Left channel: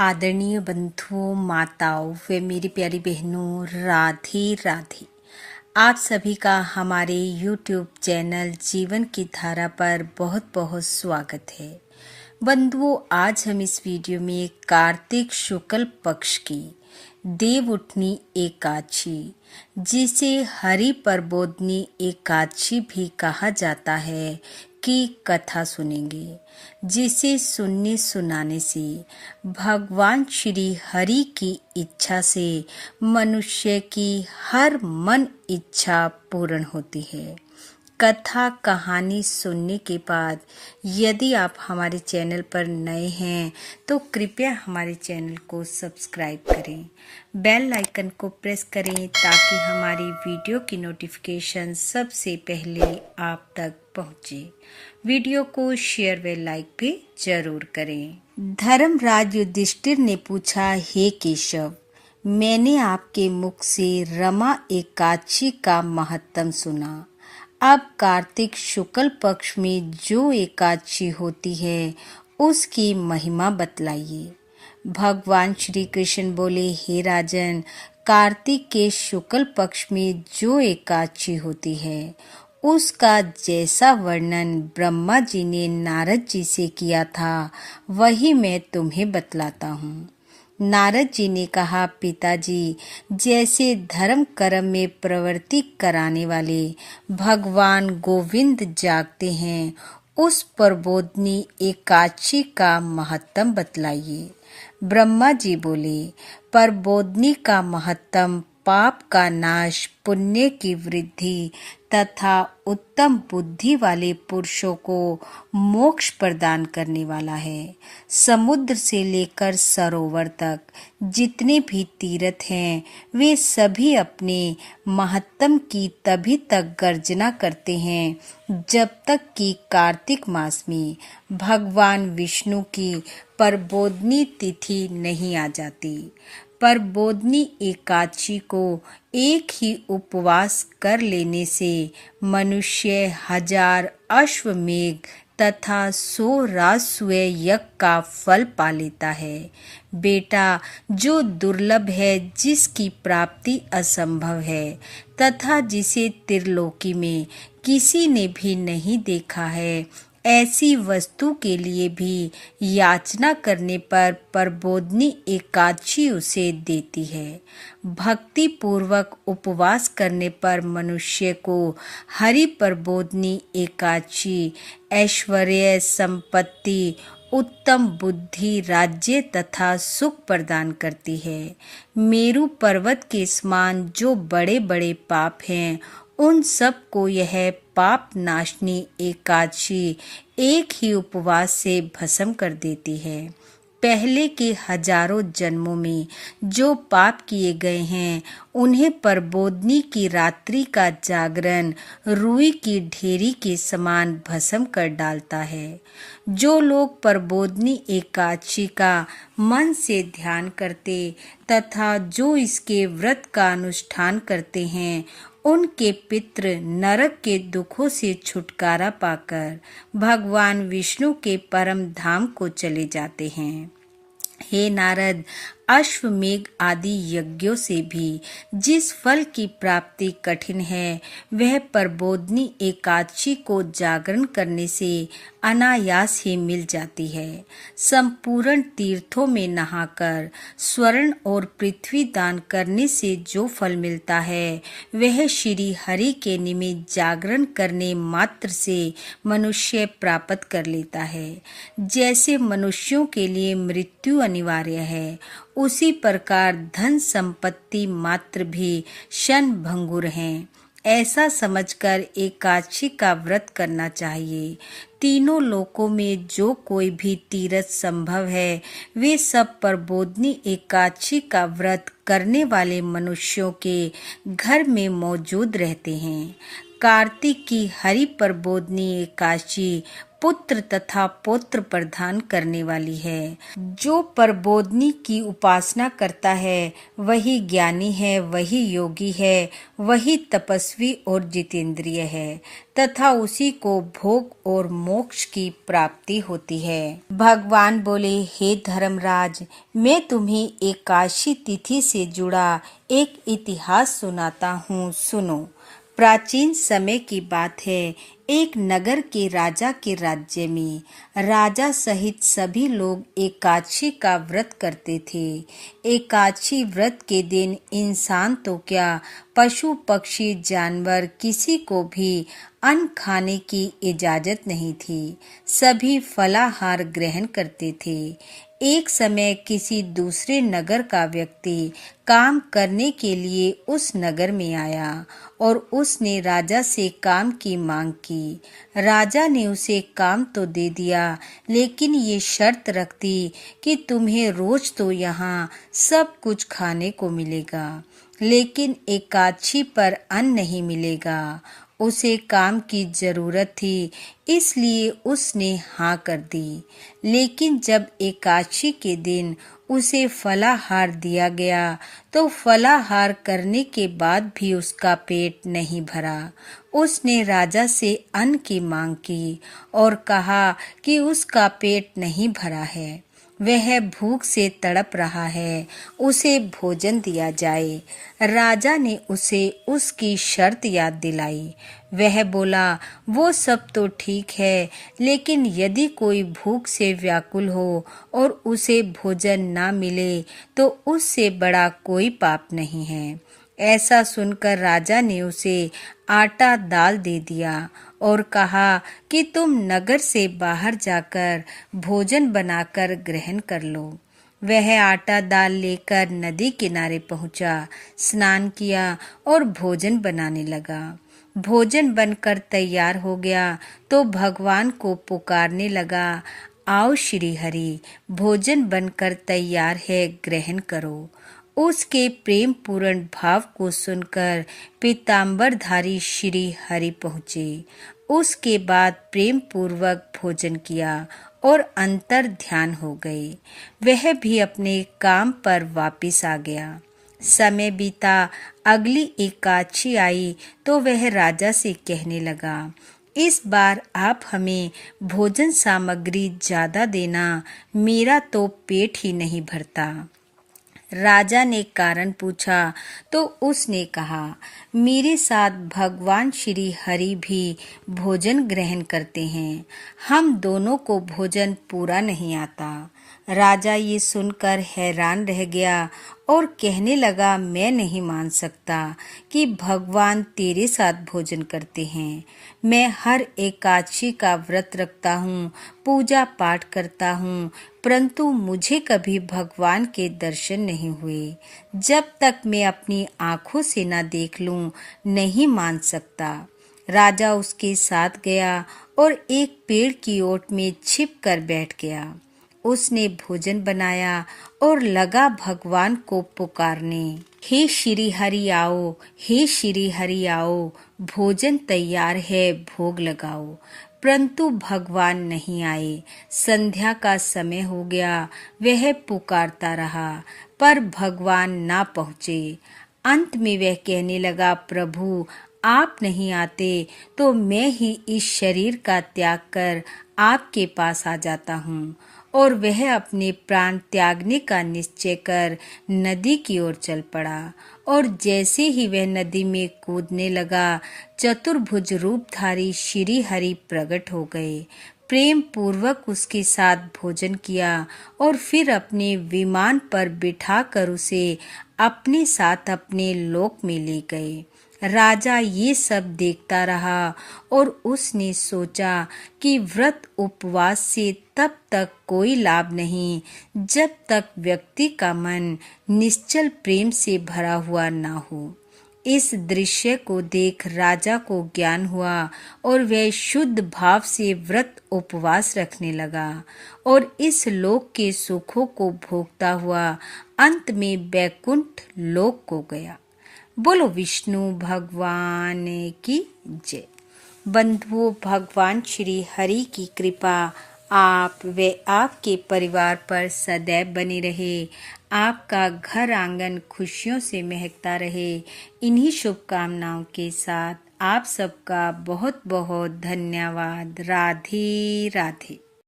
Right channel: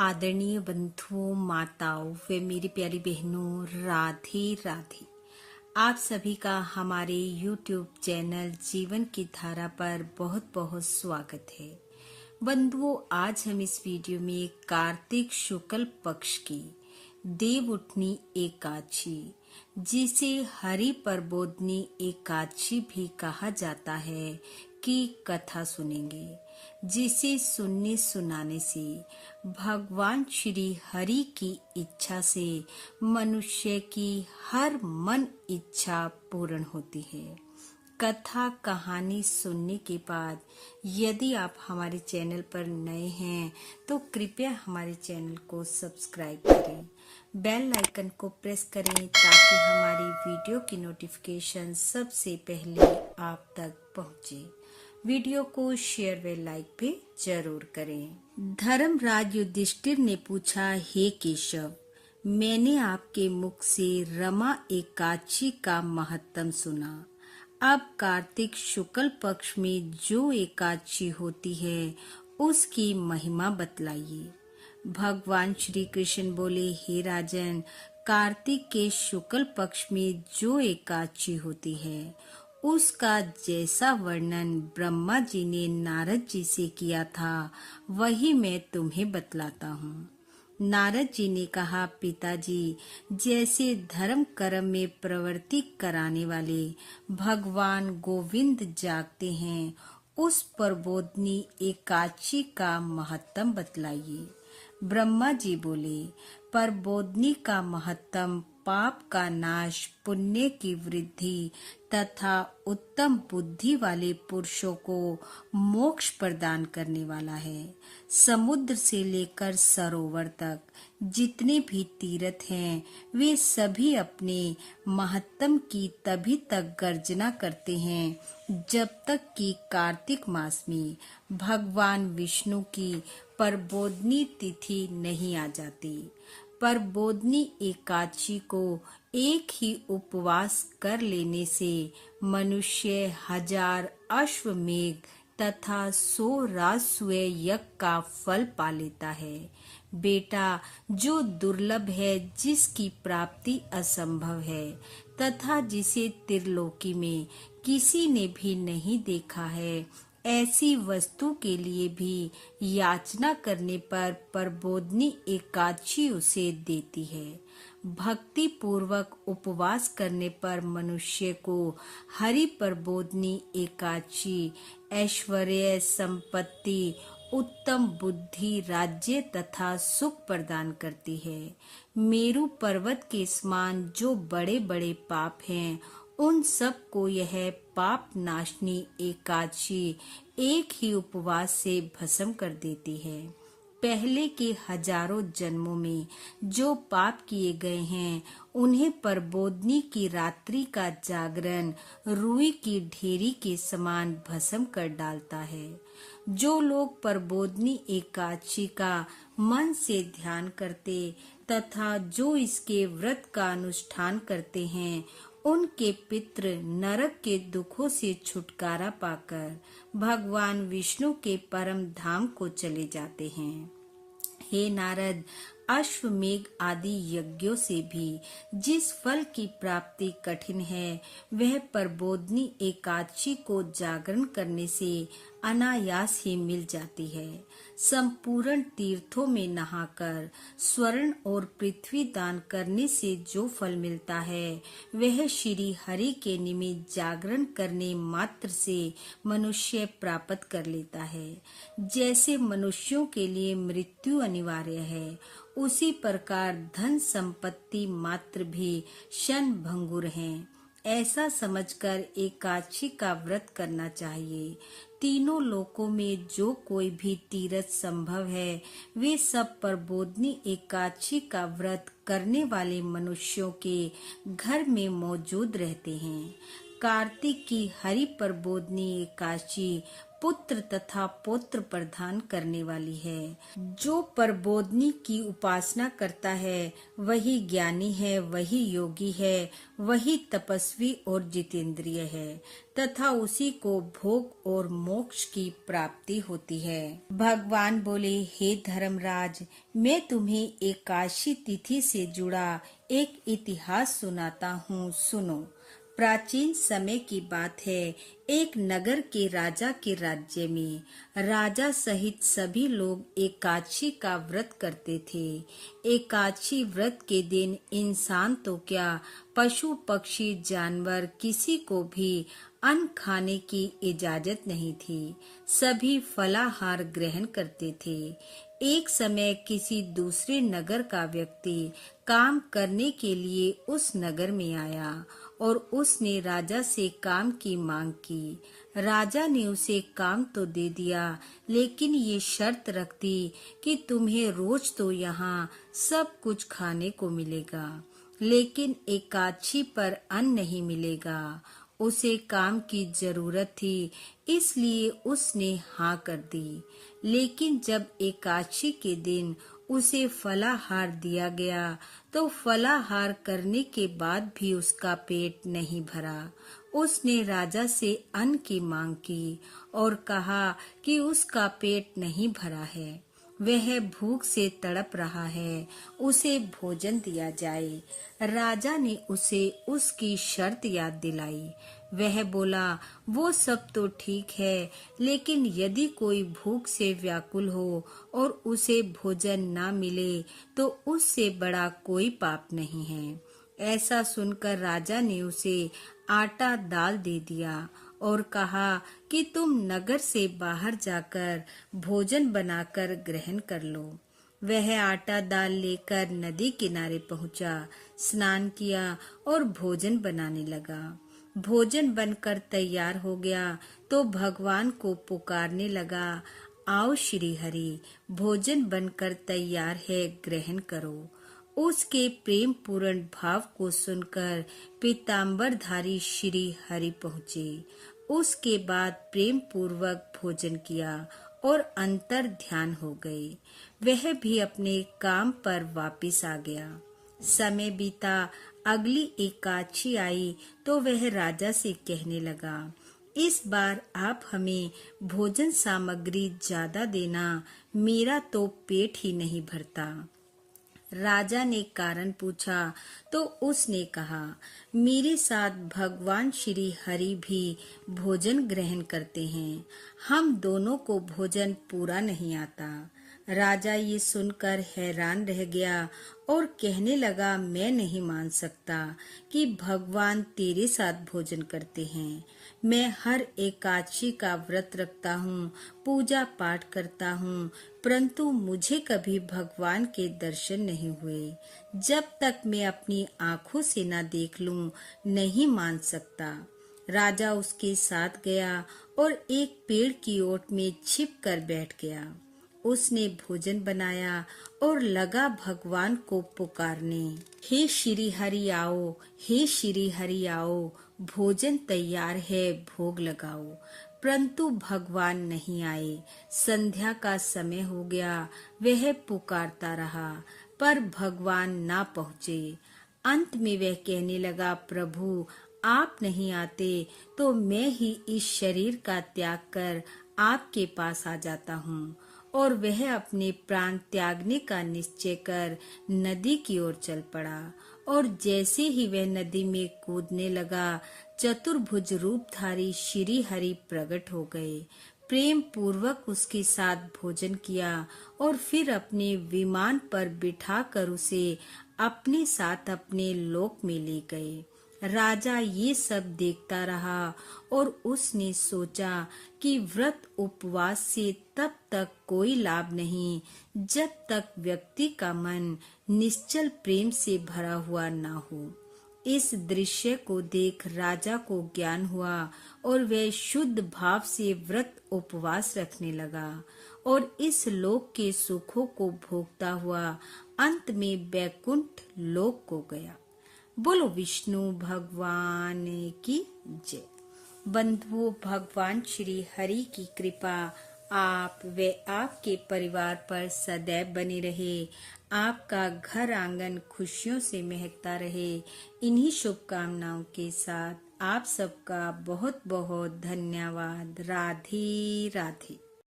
आदरणीय बंधुओं, माताओं व मेरी प्यारी बहनों, राधे राधे। आप सभी का हमारे YouTube चैनल जीवन की धारा पर बहुत बहुत स्वागत है। बंधुओं, आज हम इस वीडियो में कार्तिक शुक्ल पक्ष की देव उठनी एकादशी, जिसे हरि प्रबोधनी एकादशी भी कहा जाता है, की कथा सुनेंगे, जिसे सुनने सुनाने से भगवान श्री हरि की इच्छा से मनुष्य की हर मन इच्छा पूर्ण होती है। कथा कहानी सुनने के बाद यदि आप हमारे चैनल पर नए हैं तो कृपया हमारे चैनल को सब्सक्राइब करें, बेल आइकन को प्रेस करें ताकि हमारी वीडियो की नोटिफिकेशन सबसे पहले आप तक पहुंचे। वीडियो को शेयर व लाइक भी जरूर करें। धर्मराज युधिष्ठिर ने पूछा, हे केशव, मैंने आपके मुख से रमा एकादशी का महत्व सुना। अब कार्तिक शुक्ल पक्ष में जो एकादशी होती है उसकी महिमा बतलाइए। भगवान श्री कृष्ण बोले, हे राजन, कार्तिक के शुक्ल पक्ष में जो एकादशी होती है उसका जैसा वर्णन ब्रह्मा जी ने नारद जी से किया था वही मैं तुम्हें बतलाता हूँ। नारद जी ने कहा, पिताजी, जैसे धर्म कर्म में प्रवृत्ति कराने वाले भगवान गोविंद जागते हैं, उस प्रबोधनी एकादशी का महत्व बतलाइए। ब्रह्मा जी बोले, प्रबोधनी का महत्व पाप का नाश, पुण्य की वृद्धि तथा उत्तम बुद्धि वाले पुरुषों को मोक्ष प्रदान करने वाला है। समुद्र से लेकर सरोवर तक जितने भी तीर्थ हैं वे सभी अपने महत्तम की तभी तक गर्जना करते हैं जब तक कि कार्तिक मास में भगवान विष्णु की प्रबोधनी तिथि नहीं आ जाती। प्रबोधनी एकादशी को एक ही उपवास कर लेने से मनुष्य 1000 अश्वमेघ तथा 100 राजसूय यज्ञ का फल पा लेता है। बेटा, जो दुर्लभ है, जिसकी प्राप्ति असंभव है तथा जिसे त्रिलोकी में किसी ने भी नहीं देखा है, ऐसी वस्तु के लिए भी याचना करने पर प्रबोधनी एकादशी उसे देती है। भक्ति पूर्वक उपवास करने पर मनुष्य को हरि प्रबोधनी एकादशी ऐश्वर्य, संपत्ति, उत्तम बुद्धि, राज्य तथा सुख प्रदान करती है। मेरु पर्वत के समान जो बड़े बड़े पाप हैं, उन सब को यह पाप नाशनी एकादशी एक ही उपवास से भस्म कर देती है। पहले के हजारों जन्मों में जो पाप किए गए हैं उन्हें प्रबोधनी की रात्रि का जागरण रुई की ढेरी के समान भस्म कर डालता है। जो लोग प्रबोधनी एकादशी का मन से ध्यान करते तथा जो इसके व्रत का अनुष्ठान करते हैं, उनके पितृ नरक के दुखों से छुटकारा पाकर भगवान विष्णु के परम धाम को चले जाते हैं। हे नारद, अश्वमेघ आदि यज्ञों से भी जिस फल की प्राप्ति कठिन है, वह प्रबोधनी एकादशी को जागरण करने से अनायास ही मिल जाती है। संपूर्ण तीर्थों में नहाकर स्वर्ण और पृथ्वी दान करने से जो फल मिलता है, वह श्री हरि के निमित्त जागरण करने मात्र से मनुष्य प्राप्त कर लेता है। जैसे मनुष्यों के लिए मृत्यु अनिवार्य है, उसी प्रकार धन संपत्ति मात्र भी क्षण भंगुर हैं। ऐसा समझकर एकादशी का व्रत करना चाहिए। तीनों लोकों में जो कोई भी तीर्थ संभव है, वे सब प्रबोधनी एकादशी का व्रत करने वाले मनुष्यों के घर में मौजूद रहते हैं। कार्तिक की हरि प्रबोधनी एकादशी पुत्र तथा पौत्र प्रदान करने वाली है। जो प्रबोधिनी की उपासना करता है वही ज्ञानी है, वही योगी है, वही तपस्वी और जितेंद्रिय है तथा उसी को भोग और मोक्ष की प्राप्ति होती है। भगवान बोले, हे धर्मराज, मैं तुम्हें एकादशी तिथि से जुड़ा एक इतिहास सुनाता हूँ, सुनो। प्राचीन समय की बात है। एक नगर के राजा के राज्य में राजा सहित सभी लोग एकादशी का व्रत करते थे। एकादशी व्रत के दिन इंसान तो क्या, पशु पक्षी जानवर किसी को भी अन्न खाने की इजाजत नहीं थी। सभी फलाहार ग्रहण करते थे। एक समय किसी दूसरे नगर का व्यक्ति काम करने के लिए उस नगर में आया और उसने राजा से काम की मांग की। राजा ने उसे काम तो दे दिया, लेकिन ये शर्त रख दी कि तुम्हें रोज तो यहाँ सब कुछ खाने को मिलेगा, लेकिन एकादशी पर अन्न नहीं मिलेगा। उसे काम की जरूरत थी, इसलिए उसने हाँ कर दी। लेकिन जब एकादशी के दिन उसे फलाहार दिया गया तो फलाहार करने के बाद भी उसका पेट नहीं भरा। उसने राजा से अन्न की मांग की और कहा कि उसका पेट नहीं भरा है, वह भूख से तड़प रहा है, उसे भोजन दिया जाए। राजा ने उसे उसकी शर्त याद दिलाई। वह बोला, वो सब तो ठीक है, लेकिन यदि कोई भूख से व्याकुल हो और उसे भोजन ना मिले तो उससे बड़ा कोई पाप नहीं है। ऐसा सुनकर राजा ने उसे आटा दाल दे दिया और कहा कि तुम नगर से बाहर जाकर भोजन बनाकर ग्रहण कर लो। वह आटा दाल लेकर नदी किनारे पहुंचा, स्नान किया और भोजन बनाने लगा। भोजन बनकर तैयार हो गया तो भगवान को पुकारने लगा, आओ श्री हरि, भोजन बनकर तैयार है, ग्रहण करो। उसके प्रेम पूर्ण भाव को सुनकर पीतांबरधारी श्री हरि पहुँचे। उसके बाद प्रेम पूर्वक भोजन किया और अंतर ध्यान हो गए। वह भी अपने काम पर वापिस आ गया। समय बीता, अगली एकादशी आई तो वह राजा से कहने लगा, इस बार आप हमें भोजन सामग्री ज्यादा देना, मेरा तो पेट ही नहीं भरता। राजा ने कारण पूछा तो उसने कहा, मेरे साथ भगवान श्री हरि भी भोजन ग्रहण करते हैं, हम दोनों को भोजन पूरा नहीं आता। राजा ये सुनकर हैरान रह गया और कहने लगा, मैं नहीं मान सकता कि भगवान तेरे साथ भोजन करते हैं। मैं हर एकादशी का व्रत रखता हूँ, पूजा पाठ करता हूँ, परंतु मुझे कभी भगवान के दर्शन नहीं हुए। जब तक मैं अपनी आंखों से न देख लूं, नहीं मान सकता। राजा उसके साथ गया और एक पेड़ की ओट में छिप कर बैठ गया। उसने भोजन बनाया और लगा भगवान को पुकारने, हे श्री हरि आओ, हे श्री हरि आओ, भोजन तैयार है, भोग लगाओ। परंतु भगवान नहीं आए। संध्या का समय हो गया, वह पुकारता रहा पर भगवान ना पहुँचे। अंत में वह कहने लगा, प्रभु आप नहीं आते तो मैं ही इस शरीर का त्याग कर आपके पास आ जाता हूँ। और वह अपने प्राण त्यागने का निश्चय कर नदी की ओर चल पड़ा। और जैसे ही वह नदी में कूदने लगा, चतुर्भुज रूपधारी श्री हरि प्रकट हो गए। प्रेम पूर्वक उसके साथ भोजन किया और फिर अपने विमान पर बिठाकर उसे अपने साथ अपने लोक में ले गए। राजा ये सब देखता रहा और उसने सोचा कि व्रत उपवास से तब तक कोई लाभ नहीं जब तक व्यक्ति का मन निश्चल प्रेम से भरा हुआ ना हो। इस दृश्य को देख राजा को ज्ञान हुआ और वह शुद्ध भाव से व्रत उपवास रखने लगा और इस लोक के सुखों को भोगता हुआ अंत में वैकुंठ लोक को गया। बोलो विष्णु भगवान की जय। बंधुओं, भगवान श्री हरि की कृपा आप व आपके परिवार पर सदैव बनी रहे। आपका घर आंगन खुशियों से महकता रहे। इन्हीं शुभकामनाओं के साथ आप सबका बहुत बहुत धन्यवाद। राधे राधे।